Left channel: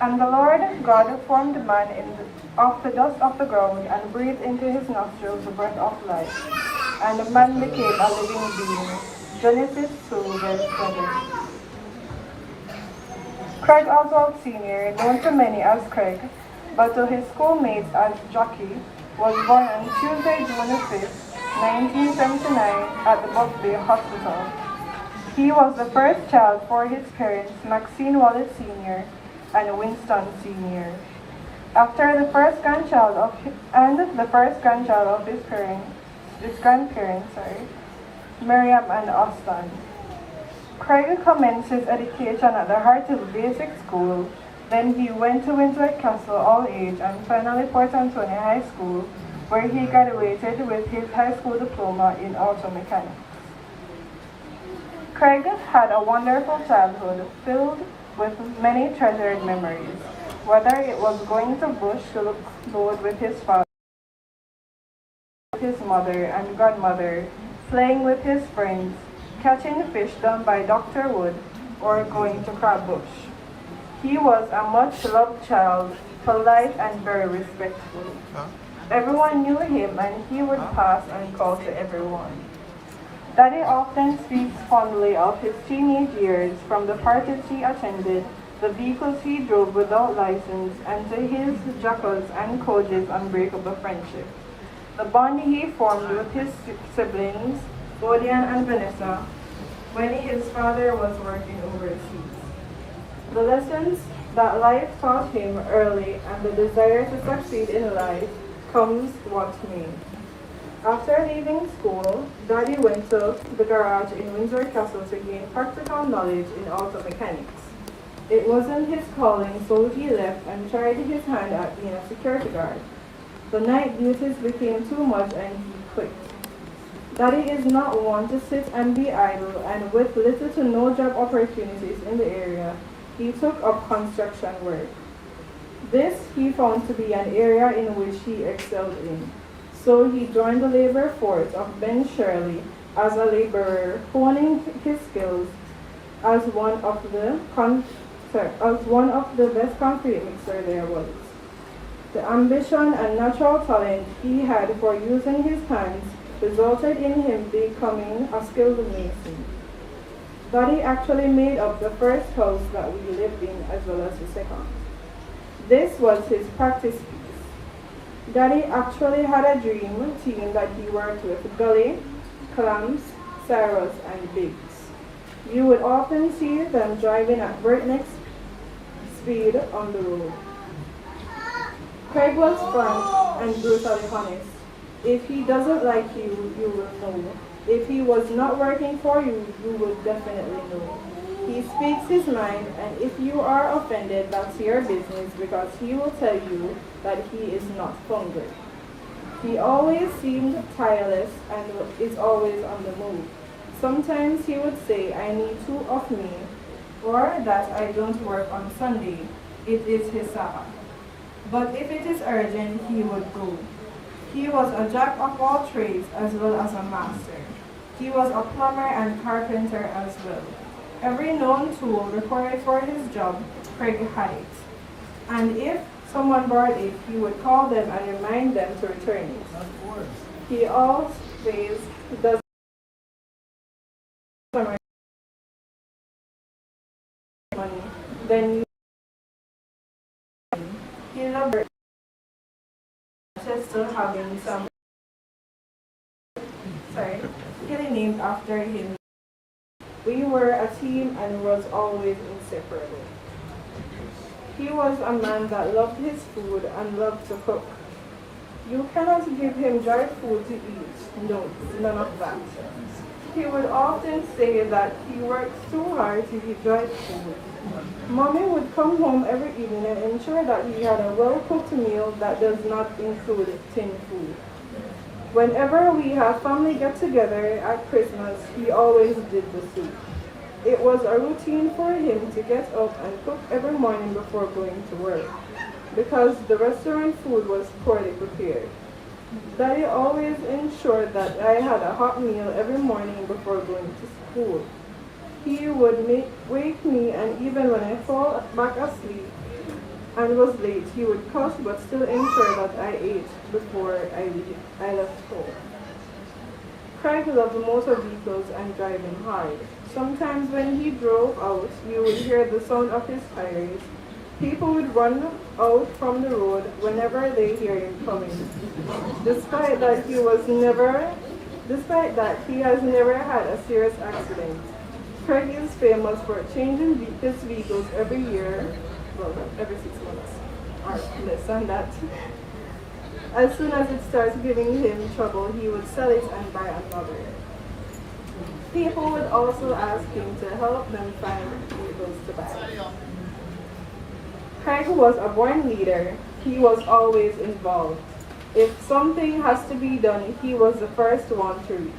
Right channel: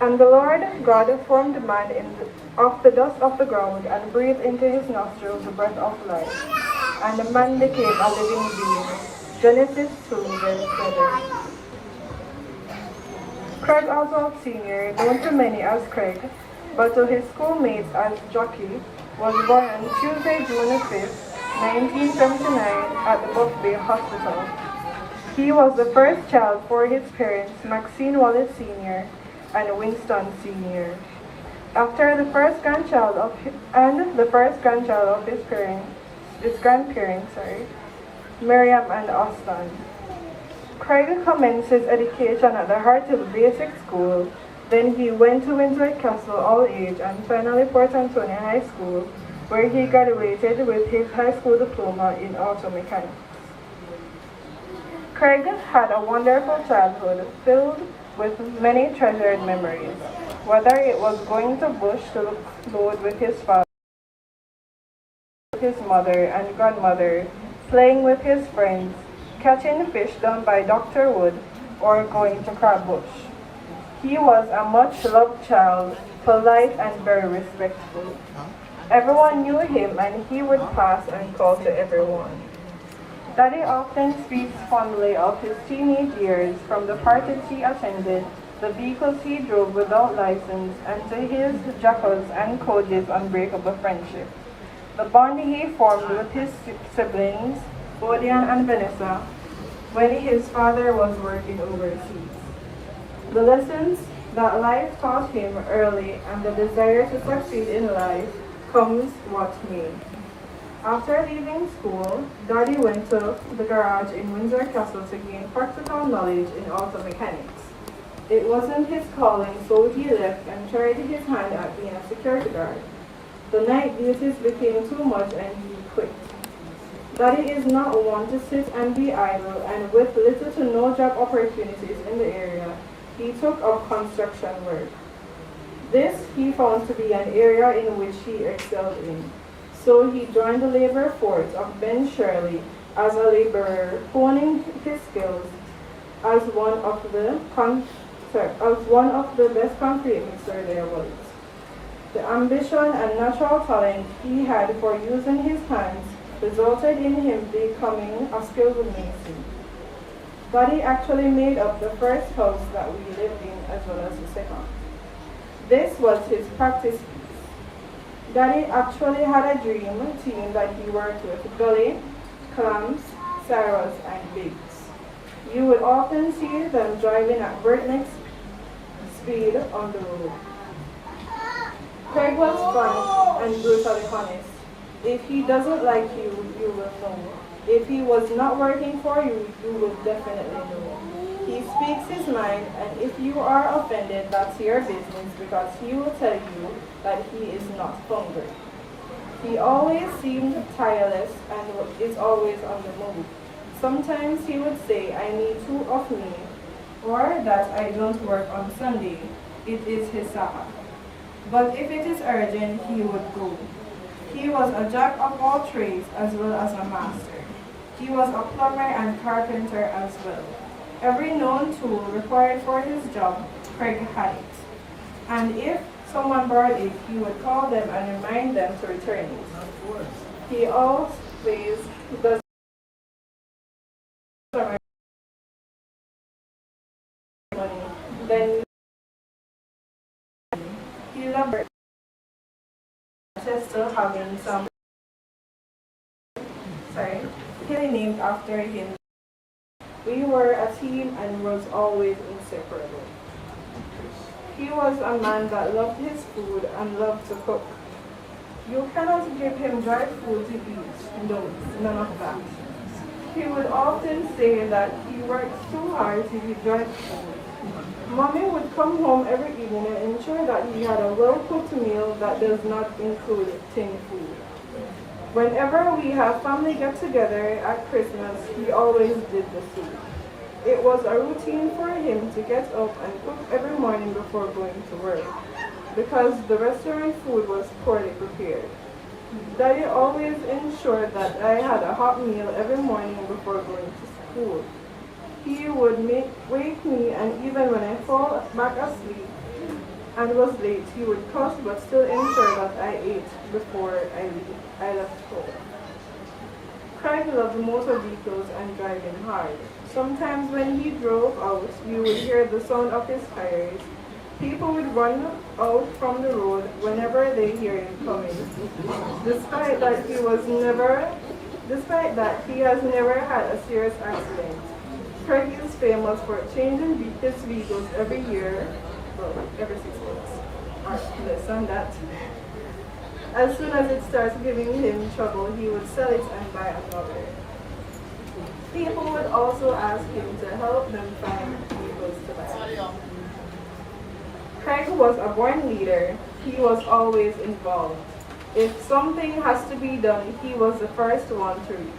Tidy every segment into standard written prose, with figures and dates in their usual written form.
And the Lord God formed man of the dust of the ground and breathed into his nostrils the breath of life. And the man became a living being. Genesis 2, verse 7. Craig Oswald Sr., known to many as Craig, but to his schoolmates as Jockey, was born on Tuesday, June 5, 1979, at the Buck Bay Hospital. He was the first child for his parents, Maxine Wallace Sr. and Winston Sr. After the first grandchild of his grandparents, Miriam and Austin. Craig commenced his education at the Harthill Basic School. Then he went to Windsor Castle All Age and finally Port Antonio High School, where he graduated with his high school diploma in auto mechanics. Craig had a wonderful childhood filled with many treasured memories, whether it was going to bush to the boat with his father, his mother and grandmother, playing with his friends, catching fish down by Dr. Wood, or going to crab bush. He was a much-loved child, polite and very respectful. Everyone knew him and he would pass and call to everyone. Daddy often speaks fondly of his teenage years, from the parties he attended, the vehicles he drove without license, and to his Jackals and Cody's unbreakable friendship. The bond he formed with his siblings, Bodian and Vanessa, when his father was working overseas. The lessons that life taught him early and the desire to succeed in life comes what may. After leaving school, Daddy went to the garage in Windsor Castle to gain practical knowledge in auto mechanics. It wasn't his calling, so he left and tried his hand at being a security guard. The night duties became too much and he quit. Daddy is not one to sit and be idle, and with little to no job opportunities in the area, he took up construction work. This he found to be an area in which he excelled in. So he joined the labor force of Ben Shirley as a laborer, honing his skills as one of the best concrete mixer there was. The ambition and natural talent he had for using his hands resulted in him becoming a skilled mason. Daddy actually made up the first house that we lived in as well as the second. This was his practice piece. Daddy actually had a dream team that he worked with: Gully, Clams, Cyrus, and Biggs. You would often see them driving at breakneck speed on the road. Craig was frank and brutally honest. If he doesn't like you, you will know. If he was not working for you, you will definitely know. He speaks his mind, and if you are offended, that's your business, because he will tell you that he is not hungry. He always seemed tireless and is always on the move. Sometimes he would say, "I need two of me," or that I don't work on Sunday. It is his Sabbath. But if it is urgent, he would go. He was a jack of all trades as well as a master. He was a plumber and carpenter as well. Every known tool required for his job, Craig had it. And if someone borrowed it, he would call them and remind them to return it. He always does money. Then he loved still having some really named after him. We were a team and was always inseparable. He was a man that loved his food and loved to cook. You cannot give him dried food to eat. No, none of that. He would often say that he works too hard to eat dried food. Mommy would come home every evening and ensure that he had a well-cooked meal that does not include tin food. Whenever we had family get-together at Christmas, he always did the soup. It was a routine for him to get up and cook every morning before going to work, because the restaurant food was poorly prepared. Daddy always ensured that I had a hot meal every morning before going to school. He would wake me, and even when I fall back asleep, and was late, he would cuss but still ensure that I ate before I left home. Craig loved motor vehicles and driving hard. Sometimes when he drove out, you would hear the sound of his tires. People would run out from the road whenever they hear him coming. Despite that, he has never had a serious accident. Craig is famous for changing his vehicles every year, well, every 6 months, or less than that. As soon as it starts giving him trouble, he would sell it and buy another. People would also ask him to help them find vehicles to buy. Craig was a born leader. He was always involved. If something has to be done, he was the first one to reach.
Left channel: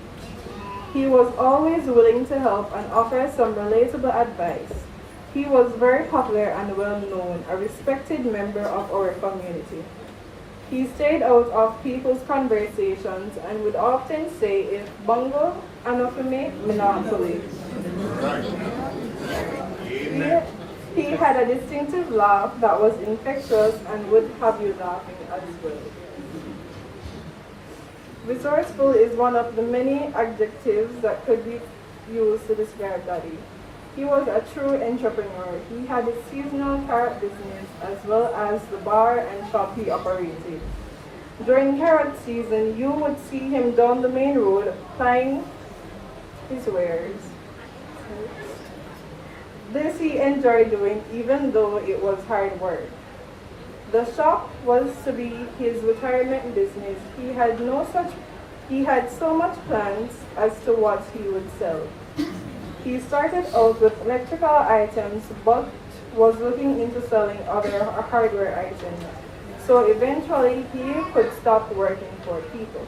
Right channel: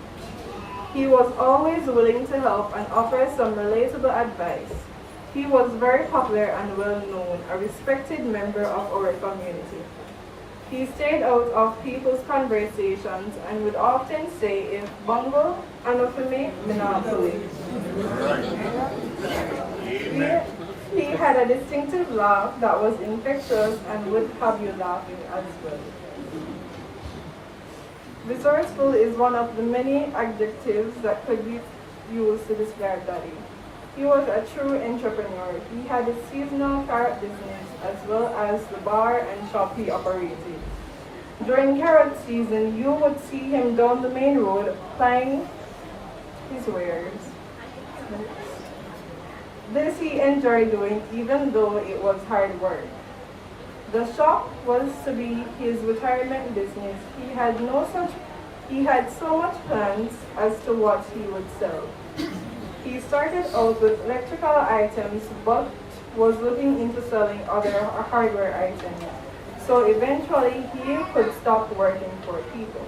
He was always willing to help and offer some relatable advice. He was very popular and well known, a respected member of our community. He stayed out of people's conversations and would often say, if bongo, anofame, minatuli. He had a distinctive laugh that was infectious and would have you laughing as well. Resourceful is one of the many adjectives that could be used to describe Daddy. He was a true entrepreneur. He had a seasonal carrot business as well as the bar and shop he operated. During carrot season, you would see him down the main road plying his wares. This he enjoyed doing even though it was hard work. The shop was to be his retirement business. He had so much plans as to what he would sell. He started out with electrical items but was looking into selling other hardware items. So eventually he could stop working for people.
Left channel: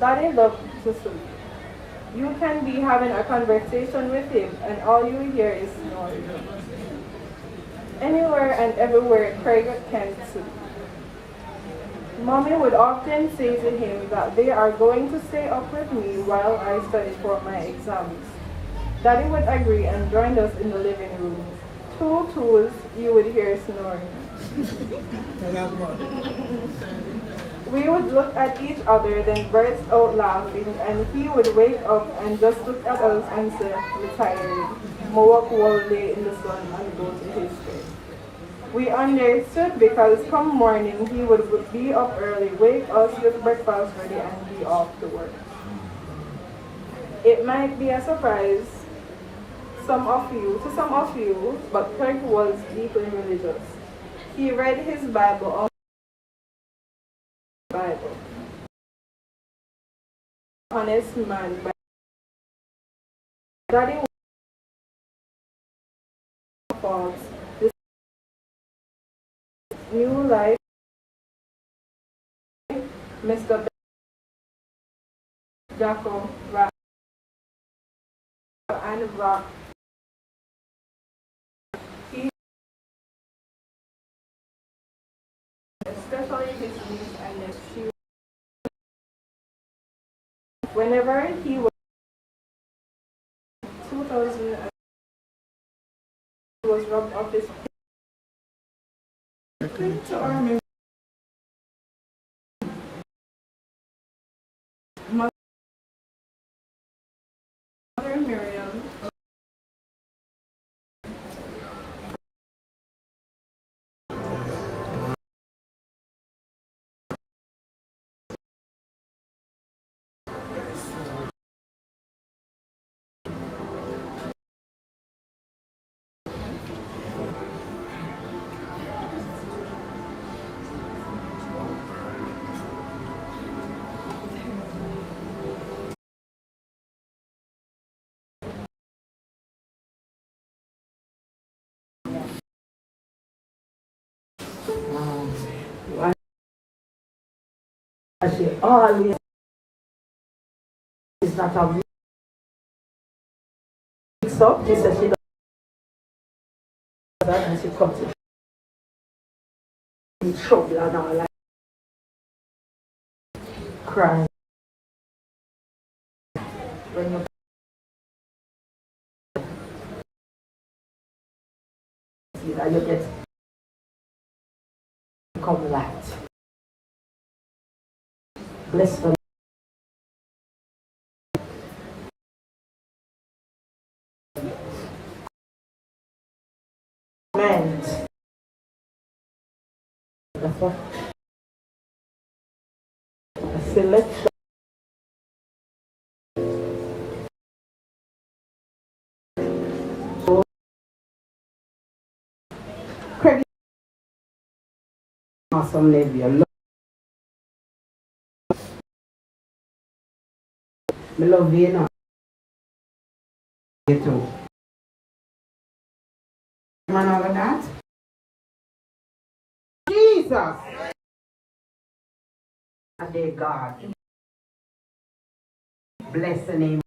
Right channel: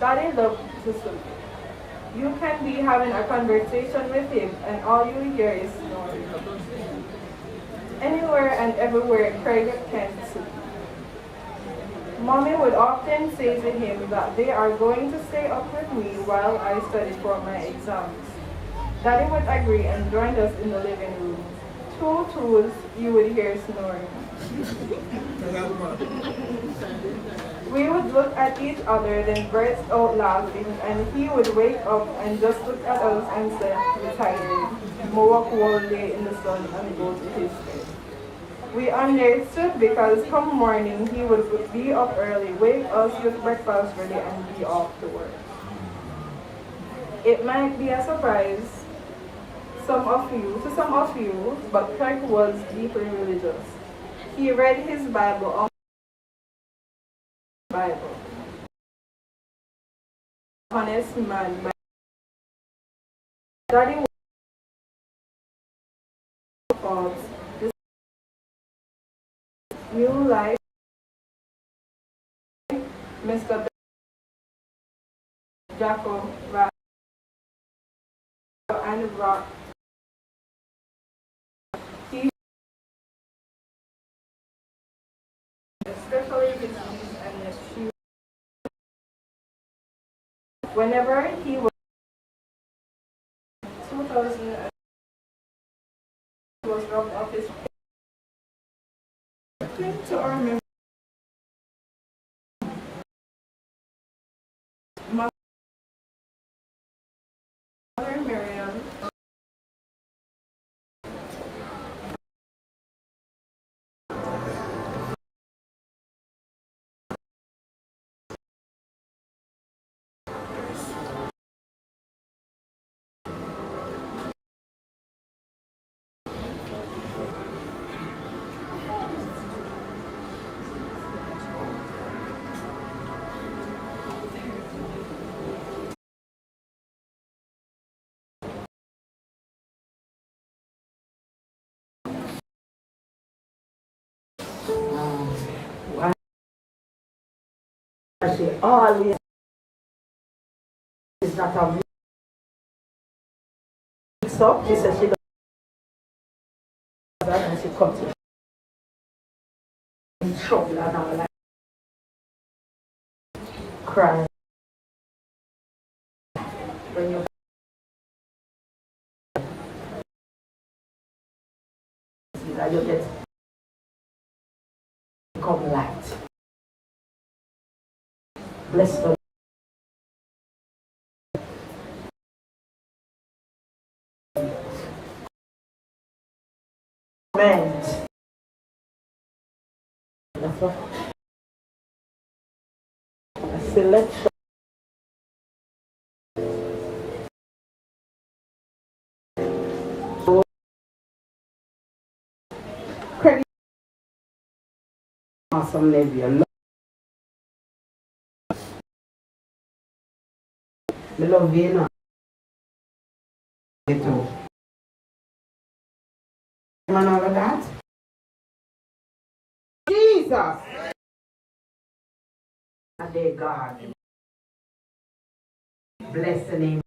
Daddy loved to sleep. You can be having a conversation with him and all you hear is snoring. Anywhere and everywhere Craig can sleep. Mommy would often say to him that they are going to stay up with me while I study for my exams. Daddy would agree and joined us in the living room. Two tools, you would hear snoring. We would look at each other, then burst out laughing, and he would wake up and just look at us and say, "We're tired." Mowak will lay in the sun and go to his bed. We understood because come morning he would be up early, wake us with breakfast ready, and be off to work. It might be a surprise to some of you, but Craig was deeply religious. He read his Bible. Honest man. Daddy was this new life, Mr. Jacko, and Rock. He, especially his knees and his shoes. Whenever he was 2000, he was rubbed off his to our memory. Mother Miriam. She always is not a mix up. She said she does that and she comes to in trouble and all like cry. When you see that you get become light. Bless the Amen. That's what a selection. Credit awesome Navy. I love you, know. You too. Man of that. Jesus. And dear God. Bless the name.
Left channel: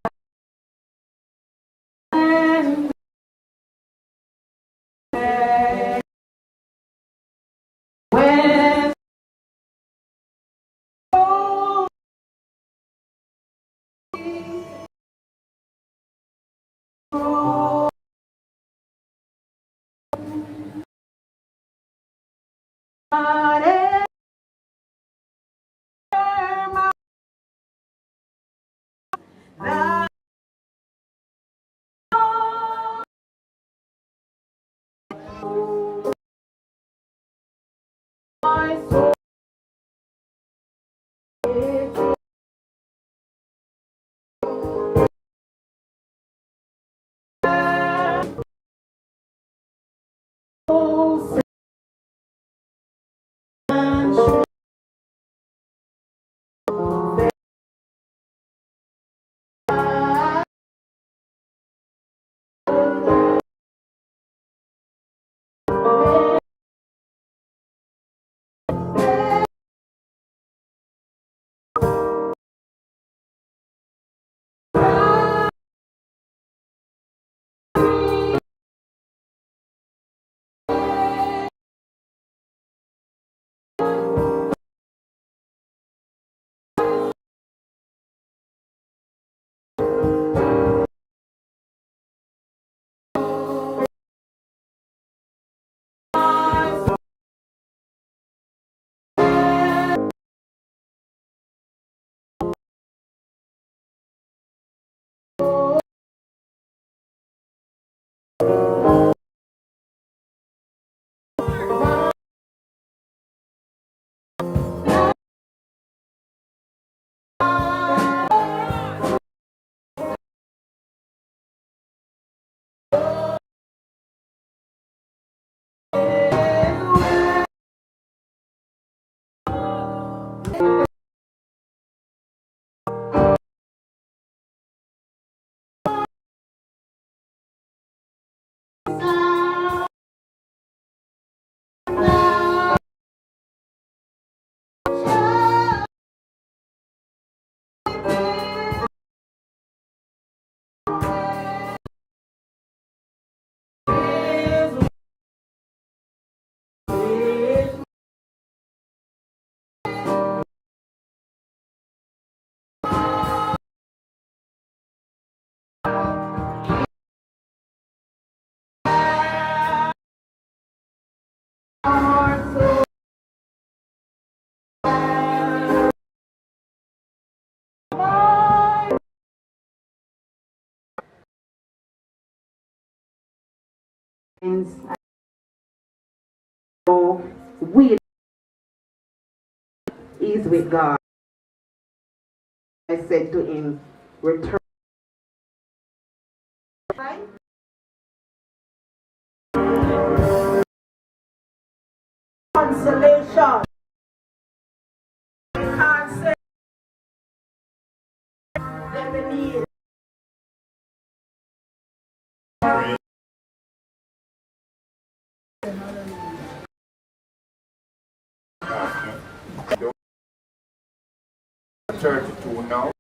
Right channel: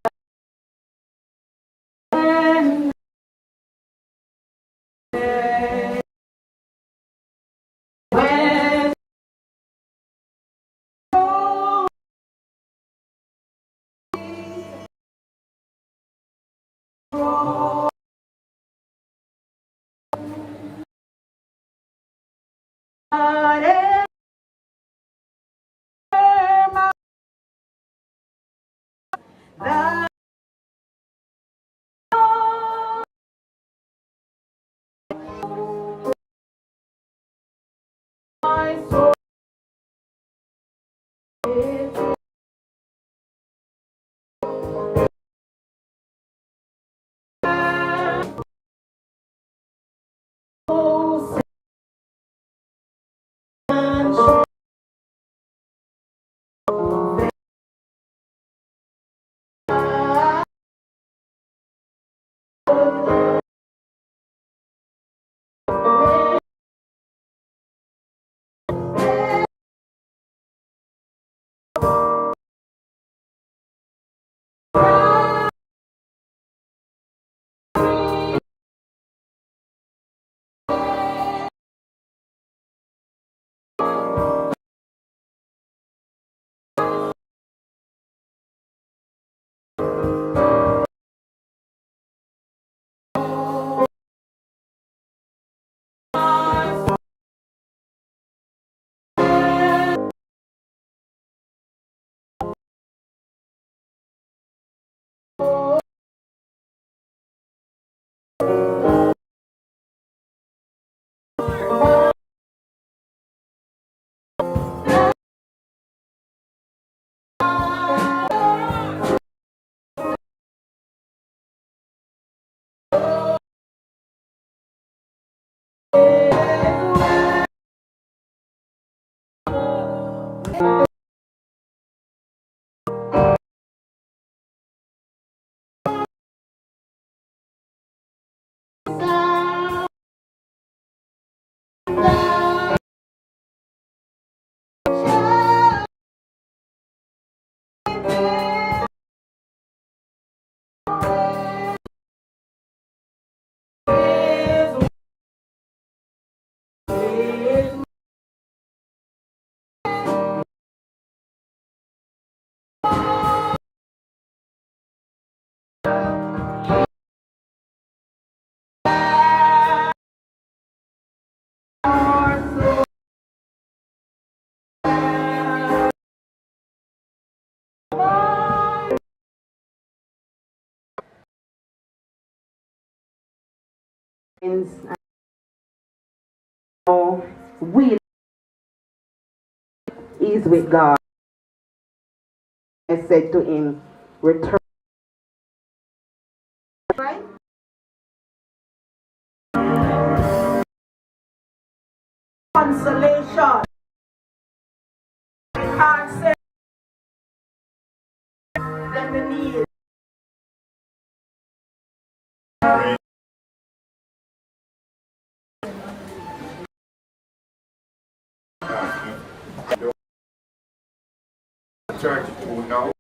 Will is with God. I said to him, return. Consolation. Can't say that we need. Church to now.